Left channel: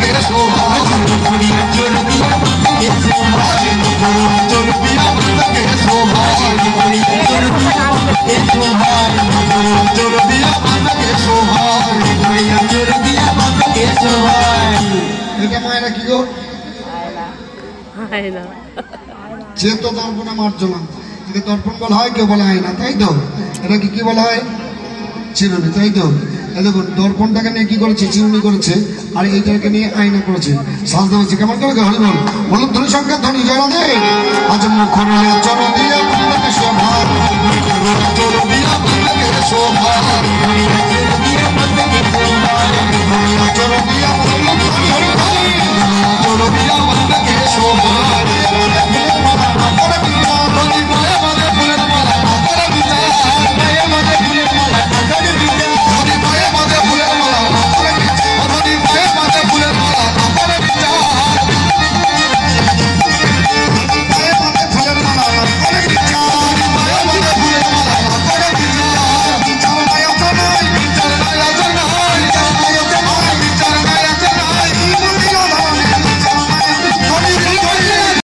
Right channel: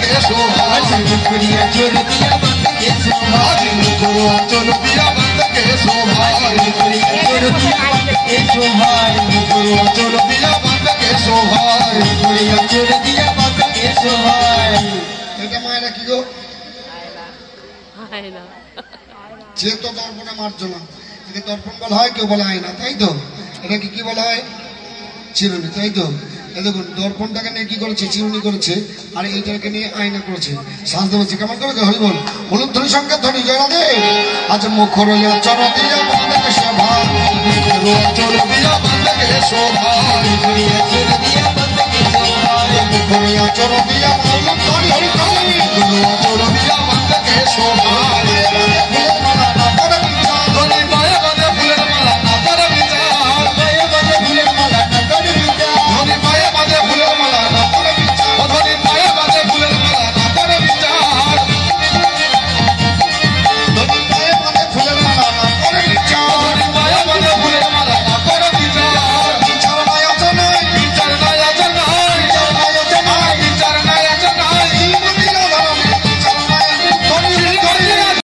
के शोभा गुड़िया चोर दिया बंद के शोभा गुड़िया चोर दिया बंद के शोभा गुड़िया चोर दिया बंद के शोभा गुड़िया चोर दिया बंद के शोभा गुड़िया चोर दिया बंद के शोभा এটা মায়েরা কি গো আয়না আয়না যে তো দর্পণে মার্জনা একে দর্পণ বলা হয় কেউ বলে আয়না তাই তো এটা কি বলা হয় চিরুনি তাই তো দেখুন দর্পণটাকে নিয়ে কি করেছে চিরুনি করেছে আর এইটাকে নিয়ে আয়না করেছে সাজতে বলছে কেমন করে হরি বল বলুন ধ্বনি সংখ্যা ধ্বনি জয় দে আজ মুখরে চর দিয়া বন্দকে শোভা মুখরে চর দিয়া বন্দকে শোভা মুখরে চর দিয়া বন্দকে শোভা মুখরে চর দিয়া